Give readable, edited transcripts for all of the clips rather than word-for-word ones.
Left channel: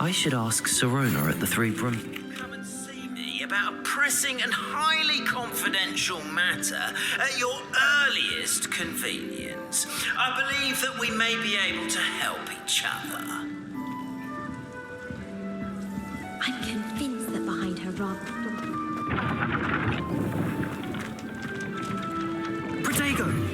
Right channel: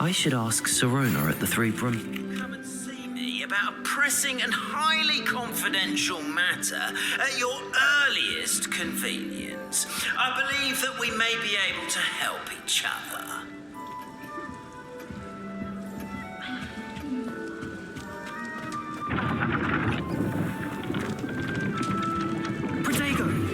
I should ask Serona at the Three Brum. Come and see me about a pressing and highly confidential matter at your earliest convenience. I believe that we may be able to help each other. I'm convinced that behind her rather... Protego!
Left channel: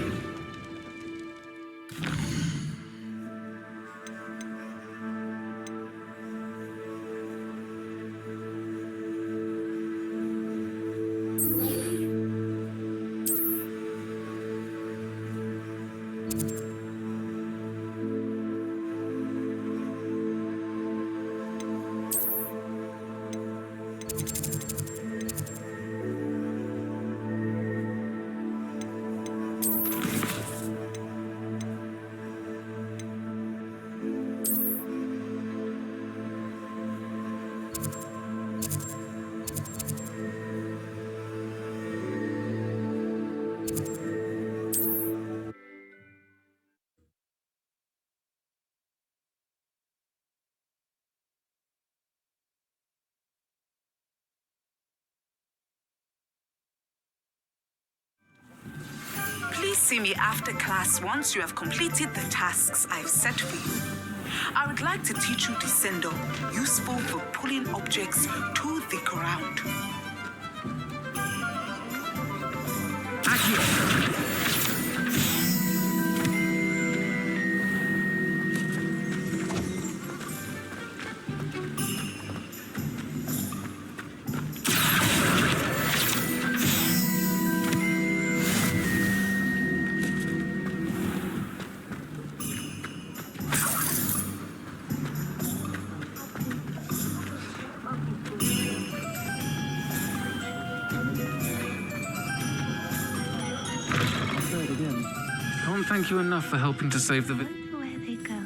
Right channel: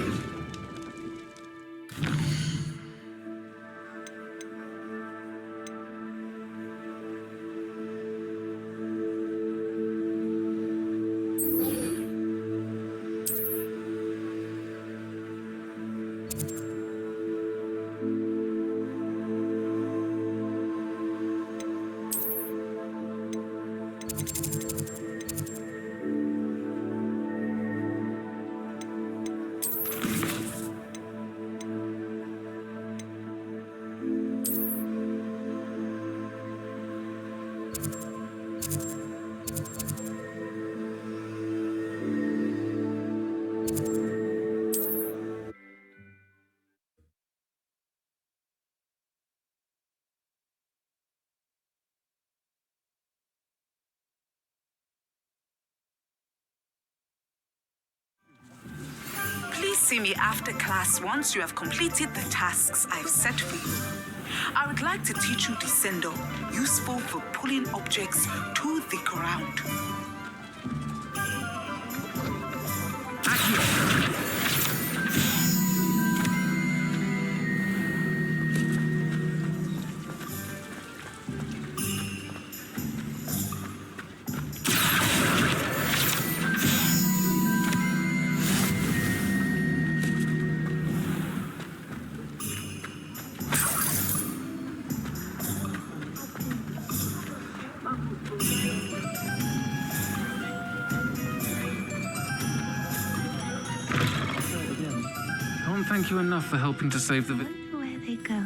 Please see me after class once you have completed the tasks I've set for you. I would like to teach you Descendo, useful for pulling objects to the ground. Can't thank you enough for helping to save the... Where they go.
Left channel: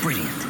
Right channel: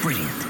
Brilliant.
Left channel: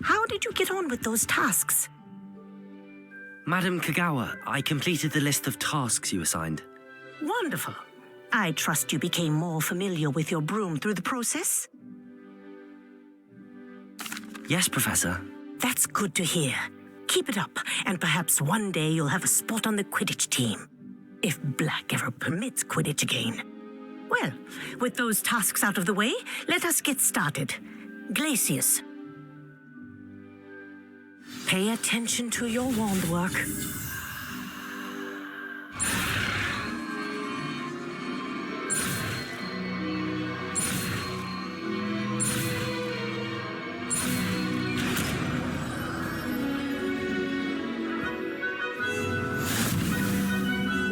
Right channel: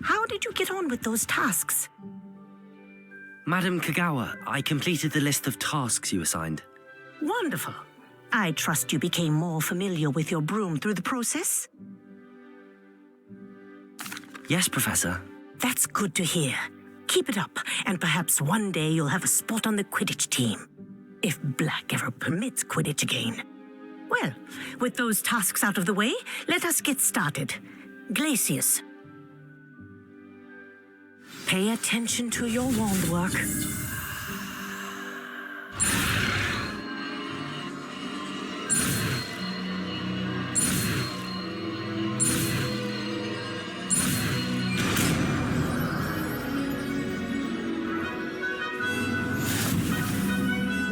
How did you get on with those tasks? Madam Kagawa, I completed the list of tasks you assigned. Wonderful. I trust you became more familiar with your broom through the process? Yes, Professor. That's good to hear. Keep it up, and perhaps one day you'll have a spot on the Quidditch team. If Black ever permits Quidditch again. Well, with those tasks out of the way, let us get started. Glacius. Pay attention to your wand work.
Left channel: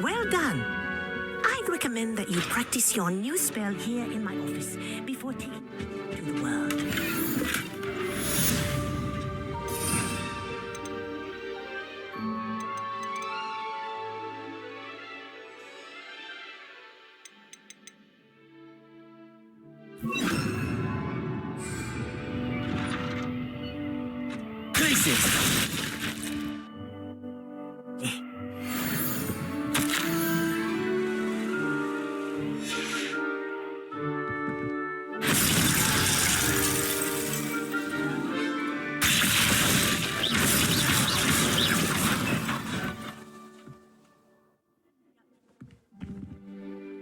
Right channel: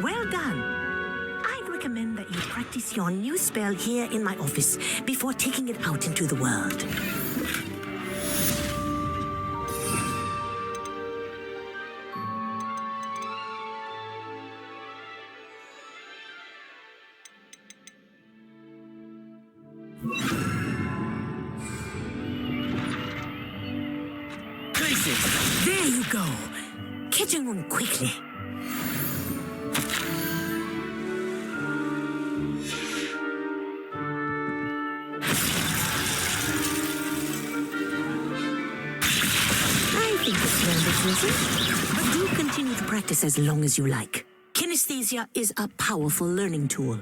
Well done. I'd recommend that you practice your new spell here in my office before taking it out into the world. There you go. Kitchen room quickly. You continue to practice as long as you like. Kinesthesia is a powerful learning tool.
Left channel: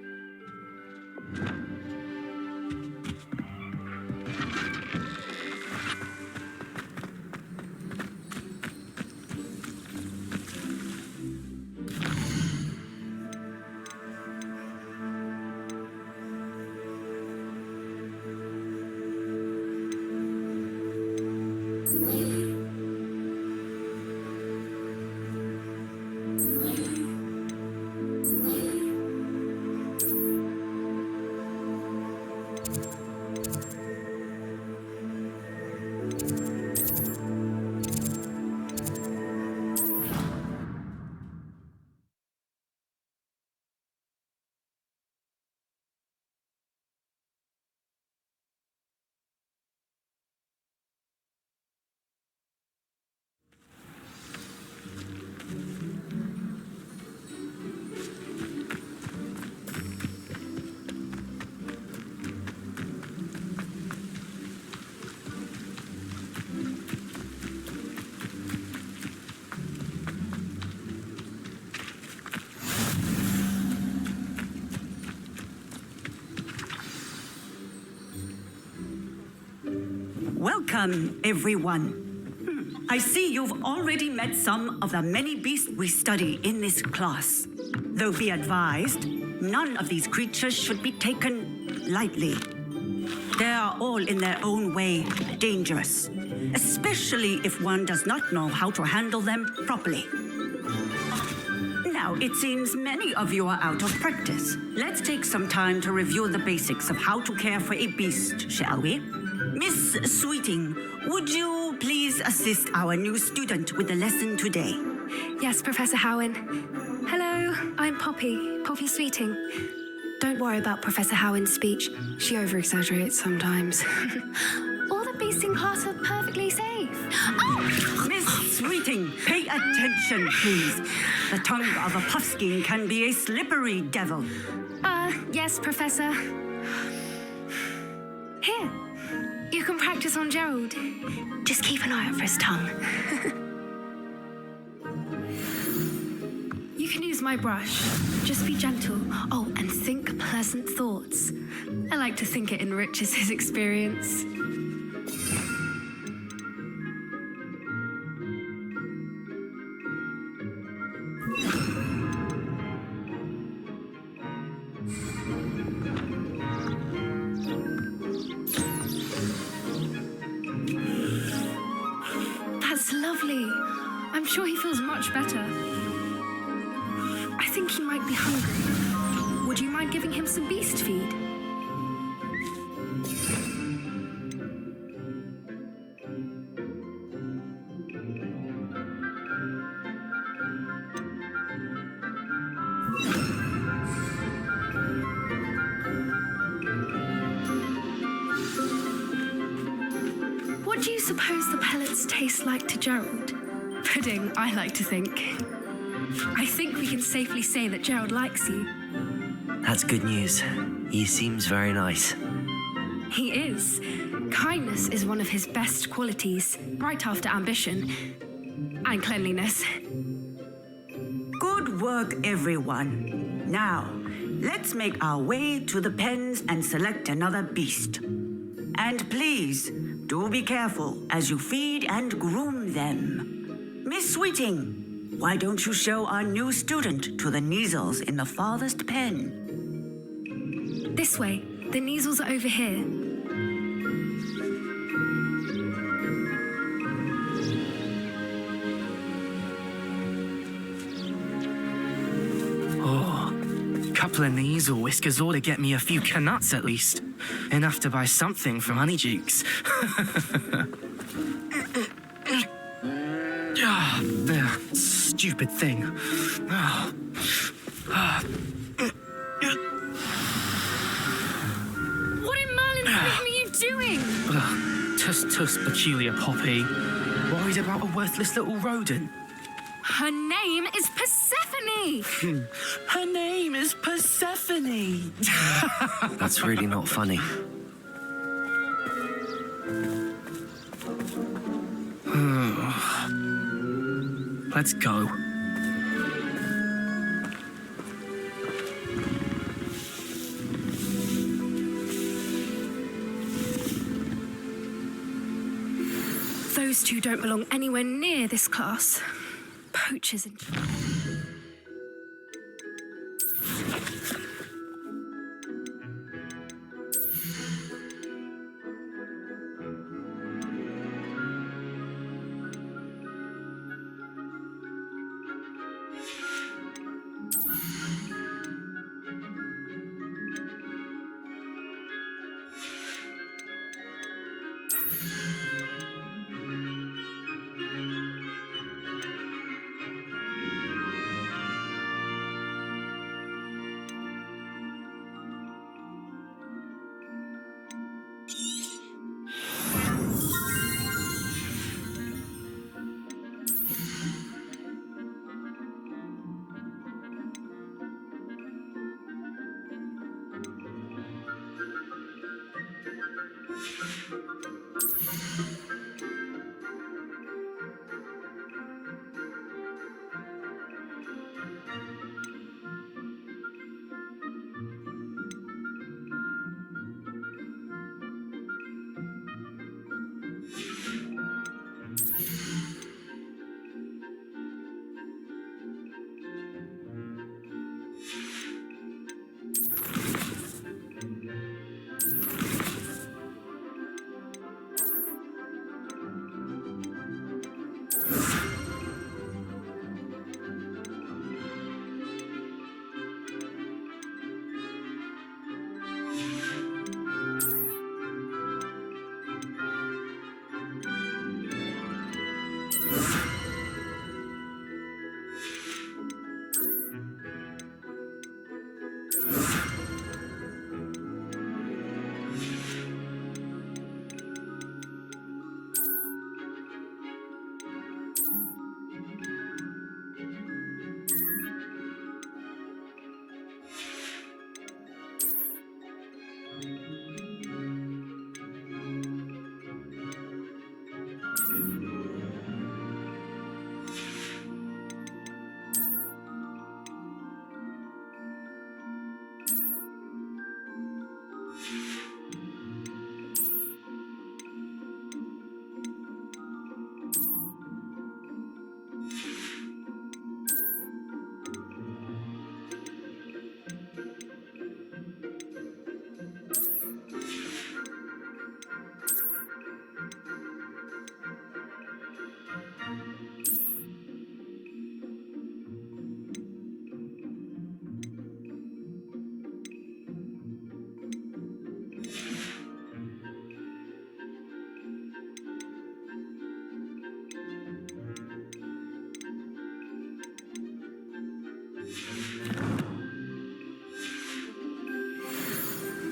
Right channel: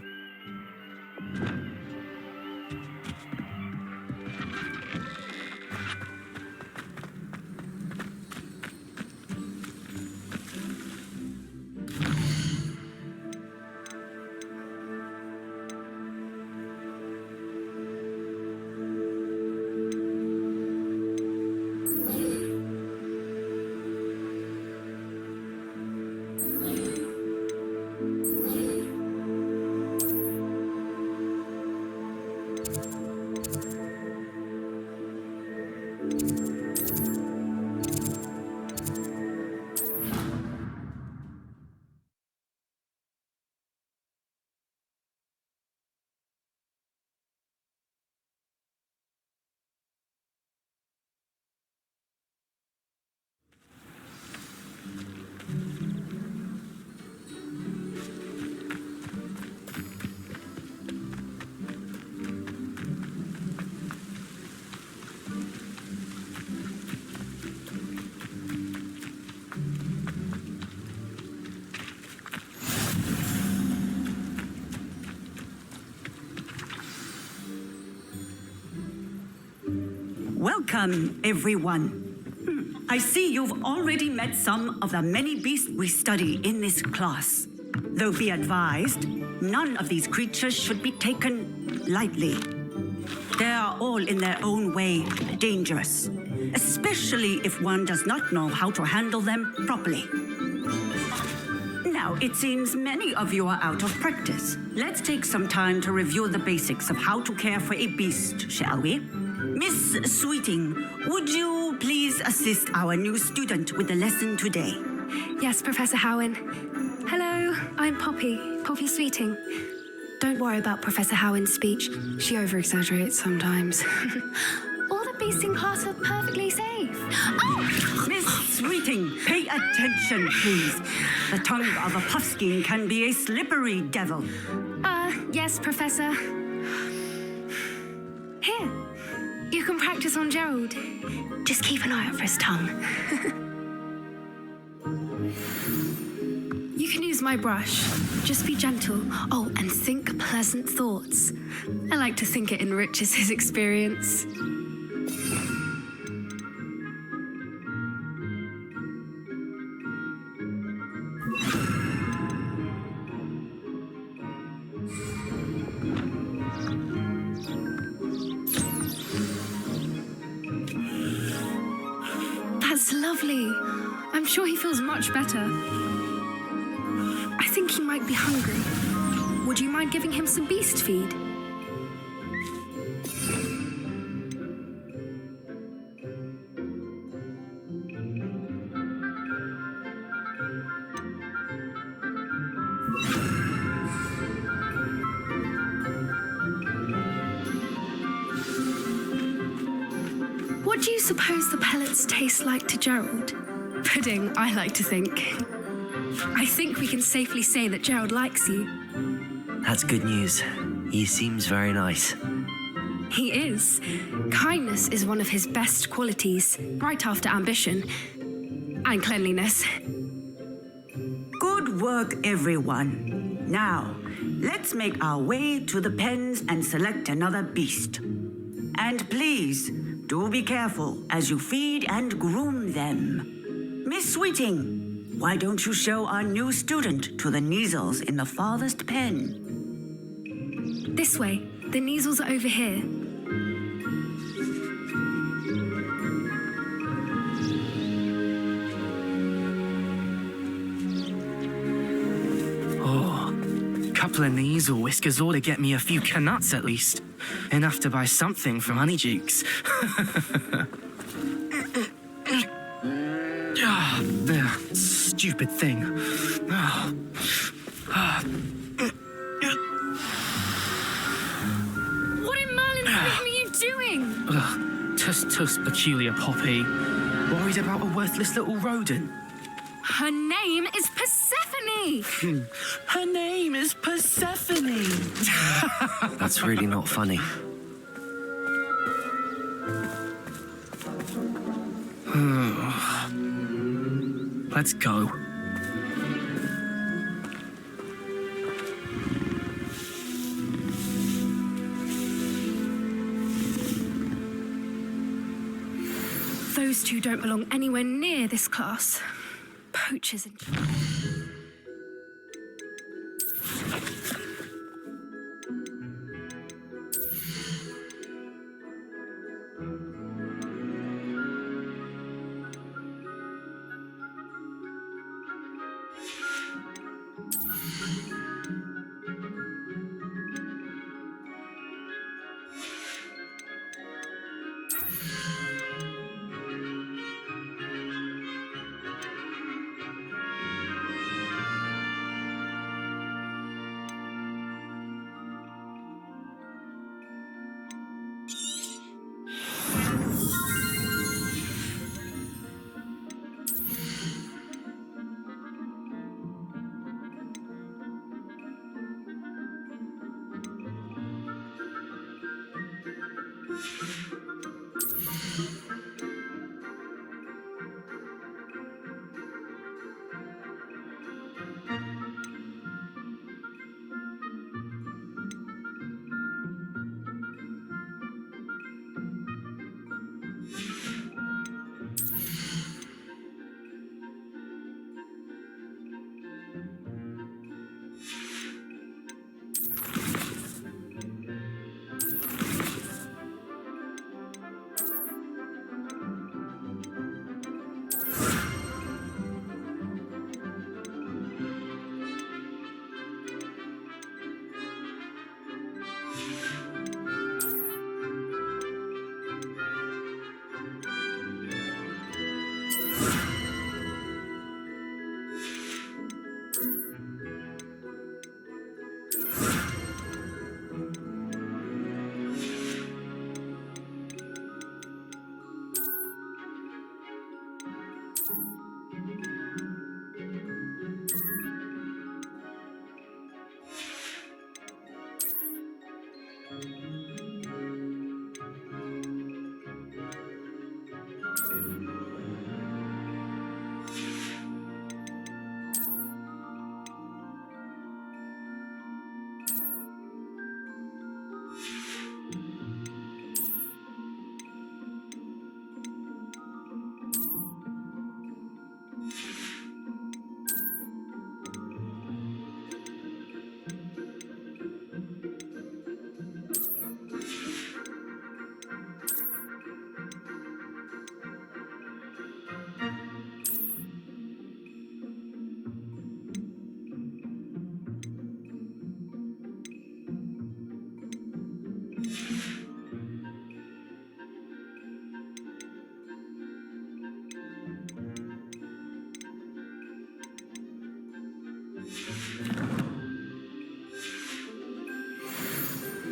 Welcome, everyone. I see you've already met some of the many beasts we study in this class. Though be advised, none of these creatures should be taken lightly. They are all in their own way dangerous, especially if one does not know how to handle them properly. Now, it seems many of you are out of practice. Let's take some time to review the basics of how to care for a beast, shall we? Miss Sweeting, would you please assist our new student with the lesson today? Yes, Professor Howen. Hello, I'm Poppy Sweeting. Don't worry about Professor Howen's speech. She over-exaggerates sometimes. All the beasts in class are perfectly safe. Oh! Miss Sweeting, pay attention, please. The tongue of a puffskein can be a slippery devil. Yes, Professor. Here, you can practice on Gerald. Just keep an eye out for his tongue. You can use my brush. Just be gentle. Oh, and think pleasant thoughts. I like to think it enriches his experience. That's lovely. I'm sure he feels much better. I think he might be hungry. Would you mind giving him some beast feed? What do you suppose the pellets taste like to Gerald? Pudding, I like to think. I think we can safely say that Gerald likes you. That's good news. He seems very nice. He is. Kindness is one of his best qualities, right after ambition and cleanliness. Good work, everyone. Now, let's make our way to the pens and select another beast. And please, do be careful as you feed and groom them. Miss Sweeting, why don't you show our new student to the Neasels in the farthest pen? This way. The Neasels are over here. Oh, couple of Neasel whiskers ought to get me a few canuts at least. Enough to buy something from Honeydukes. Stupid thing. What in Merlin's name are you doing? Tuss, peculiar Poppy. Worried about a worthless little rodent. Her name is Persephone! Her name is Persephone! That's really not funny. Let's go. Those two don't belong anywhere near this class. Poachers and...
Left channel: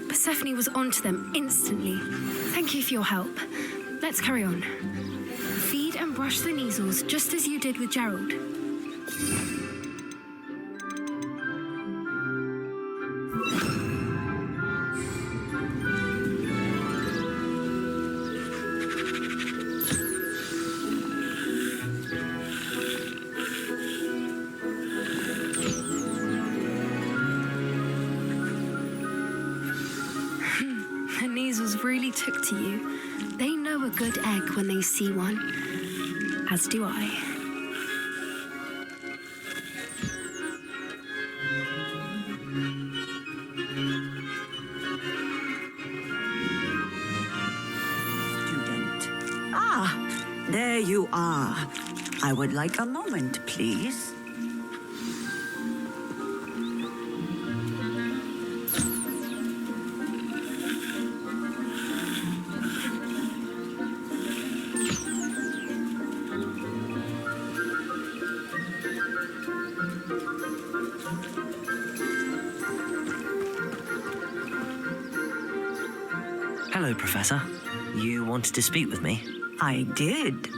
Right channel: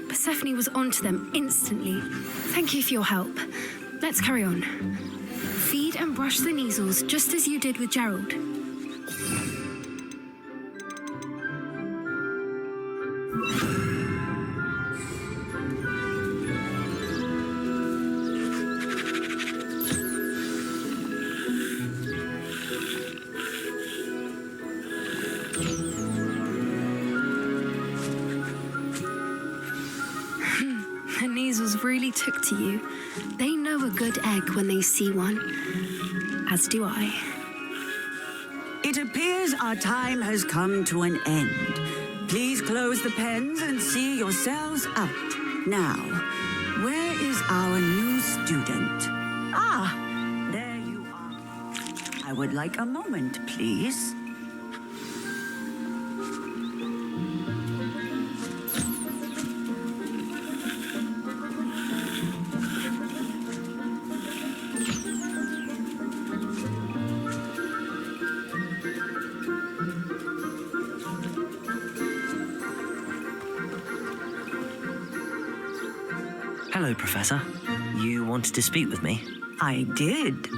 Persephone was onto them instantly. Thank you for your help. Let's carry on. Feed and brush the Neasels just as you did with Gerald. The Neasels really took to you. They know a good egg when they see one. As do I. It appears our time has come to an end. Please close the pens and see yourselves out. Now, where is our new student? Ah, there you are. I would like a moment, please. Hello, Professor. You wanted to speak with me? I did.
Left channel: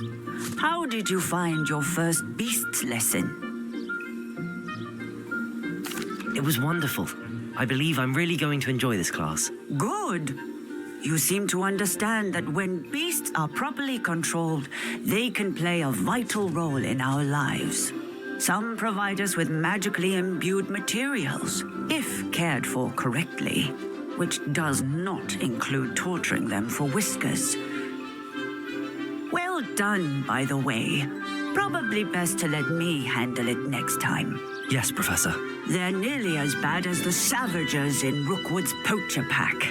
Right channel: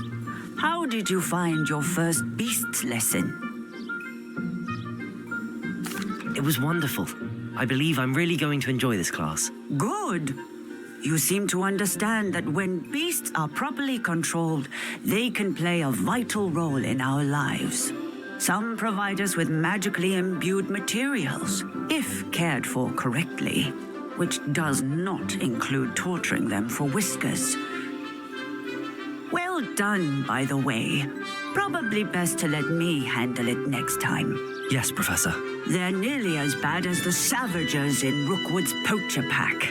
How did you find your first beasts lesson? It was wonderful. I believe I'm really going to enjoy this class. Good. You seem to understand that when beasts are properly controlled, they can play a vital role in our lives. Some provide us with magically imbued materials, if cared for correctly, which does not include torturing them for whiskers. Well done, by the way. Probably best to let me handle it next time. Yes, Professor. They're nearly as bad as the Savagers in Rookwood's poacher pack.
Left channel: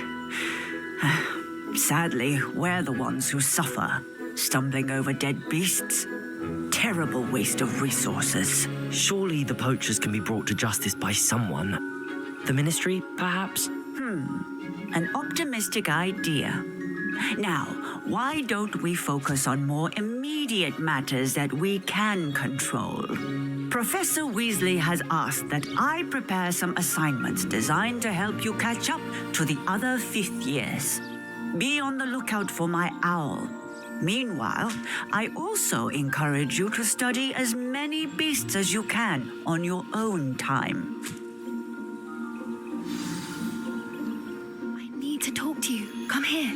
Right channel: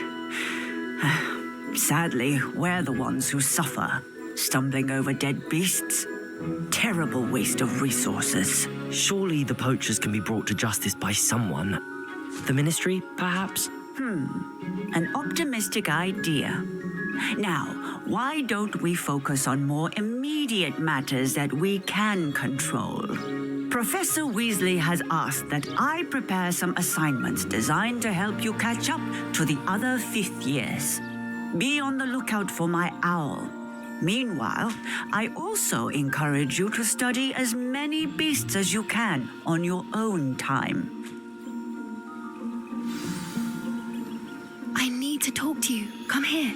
Sadly, we're the ones who suffer, stumbling over dead beasts. Terrible waste of resources. Surely the poachers can be brought to justice by someone. The Ministry, perhaps? An optimistic idea. Now, why don't we focus on more immediate matters that we can control? Professor Weasley has asked that I prepare some assignments designed to help you catch up to the other fifth years. Be on the lookout for my owl. Meanwhile, I also encourage you to study as many beasts as you can on your own time. I need to talk to you. Come here.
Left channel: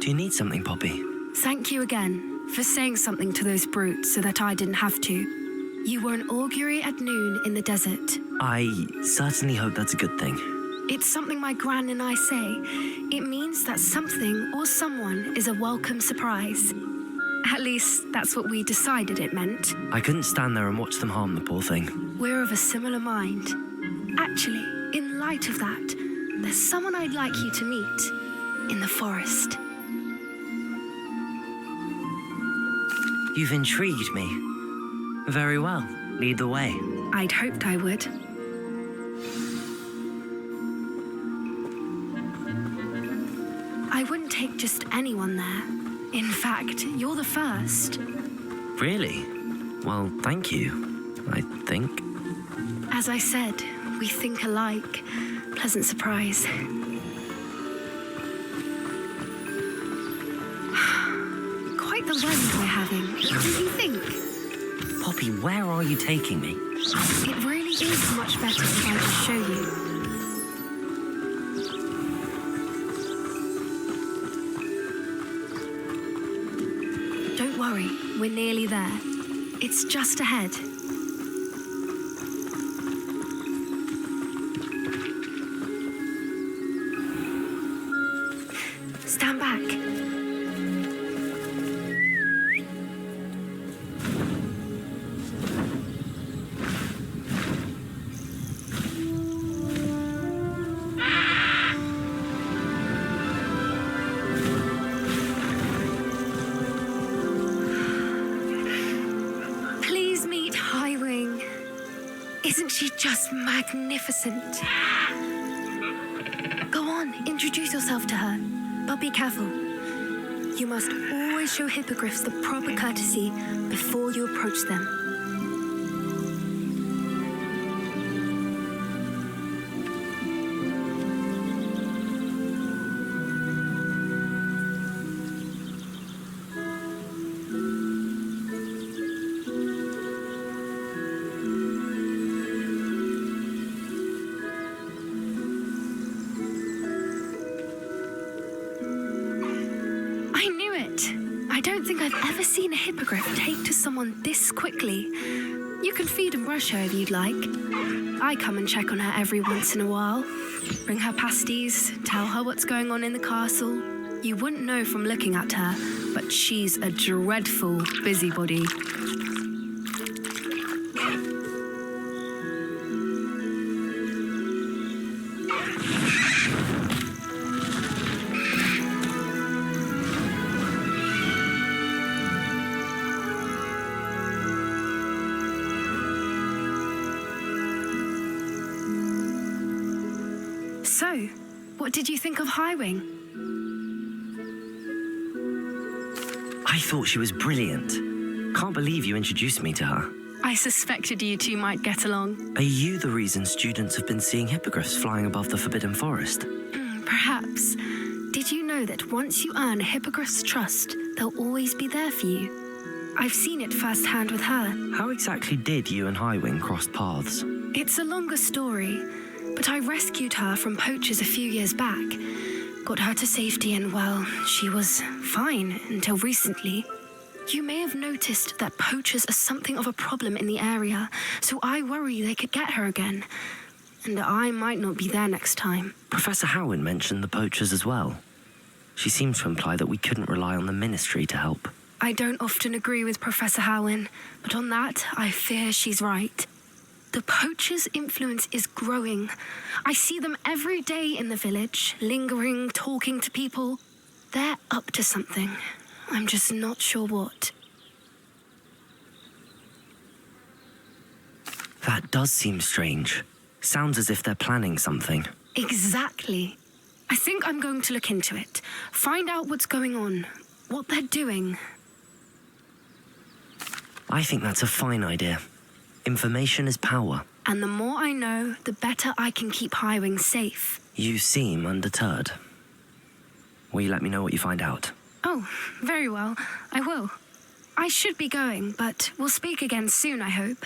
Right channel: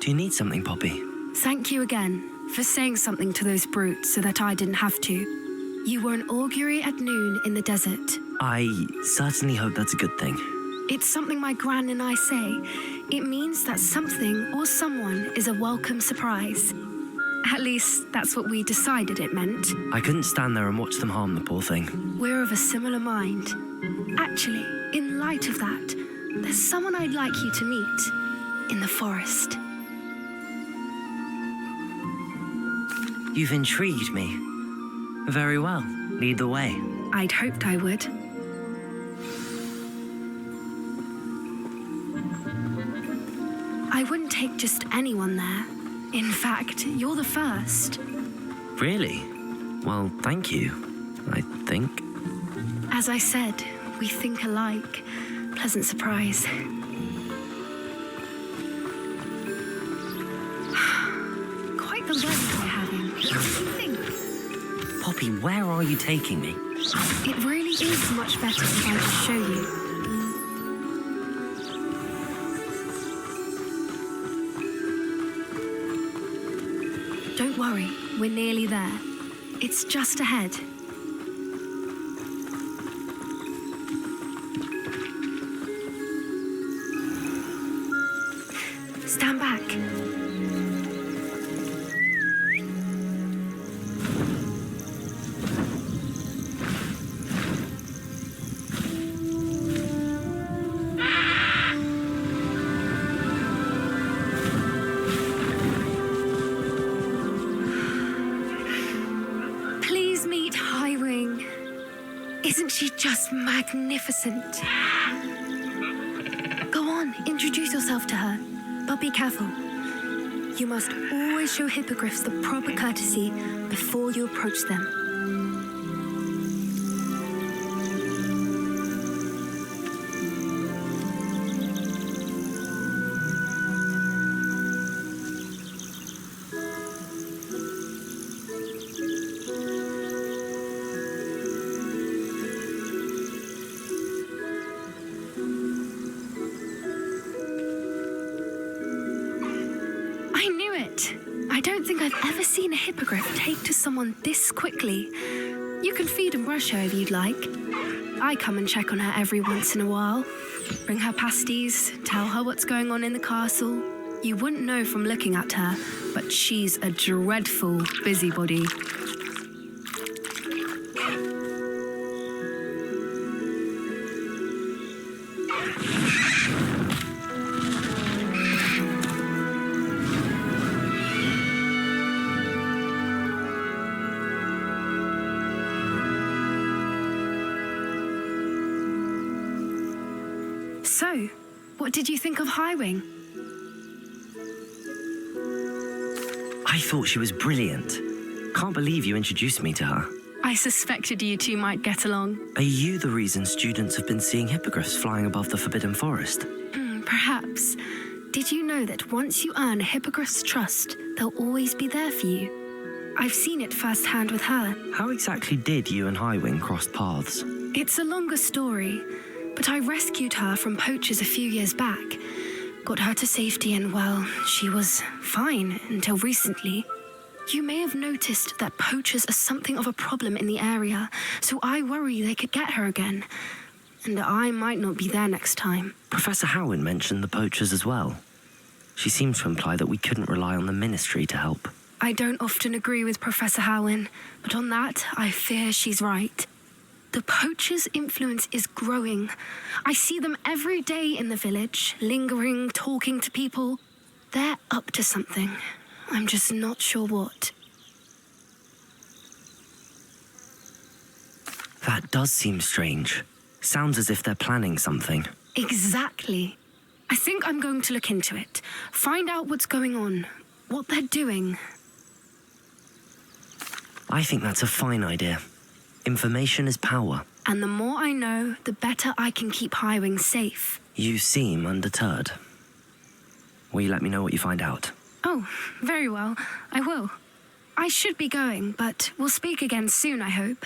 Do you need something, Poppy? Thank you again for saying something to those brutes so that I didn't have to. You were an augury at noon in the desert. I certainly hope that's a good thing. It's something my gran and I say. It means that something or someone is a welcome surprise. At least, that's what we decided it meant. I couldn't stand there and watch them harm the poor thing. We're of a similar mind. Actually, in light of that, there's someone I'd like you to meet in the forest. You've intrigued me. Very well. Lead the way. I'd hoped I would. I wouldn't take just anyone there. In fact, you're the first. Really? Well, thank you, I think. As I said, we think alike. Pleasant surprise. Quite the run we're having. What do you think? Poppy, where are you taking me? It really is much better if I just show you. Don't worry, we're nearly there. It's just ahead. Stand back. Please meet Highwing. Isn't she just magnificent? Go on, introduce yourself to her. But be careful. You must always show hippogriffs the proper courtesy before you approach them. ever seen a hippogriff take to someone this quickly? You can feed and brush her if you'd like. I come and check on her every once in a while. Bring her pasties, tell her what's going on in the castle. You wouldn't know from looking at her, but she's a dreadful busybody. So, what did you think of Highwing? I thought she was brilliant. Can't believe you introduced me to her. I suspected you two might get along. Are you the reason students have been seeing hippogriffs flying above the Forbidden Forest? Perhaps. Did you know that once you earn a hippogriff's trust, they'll always be there for you? I've seen it firsthand with her. How exactly did you and Highwing cross paths? It's a longer story, but I rescued her from poachers a few years back. Got her to safety and, well, she was fine until recently. You may have noticed that poachers are something of a problem in the area, so I worry they could get her again. And I might not be there next time. Professor Howin mentioned the poachers as well. She seems to imply that we couldn't rely on the Ministry to help. I don't often agree with Professor Howin, but on that, I fear she's right. The poachers' influence is growing. I see them every day in the village, lingering, talking to people. They're up to something. I'm just not sure what. That does seem strange. Sounds as if they're planning something. Exactly. I think I'm going to look into it. Find out what's going on, what they're doing. I think that's a fine idea. Information is power. And the more I know, the better I can keep Highwing safe. You seem undeterred. Will you let me know what you find out? Oh, very well. I will. I should be going, but we'll speak again soon, I hope.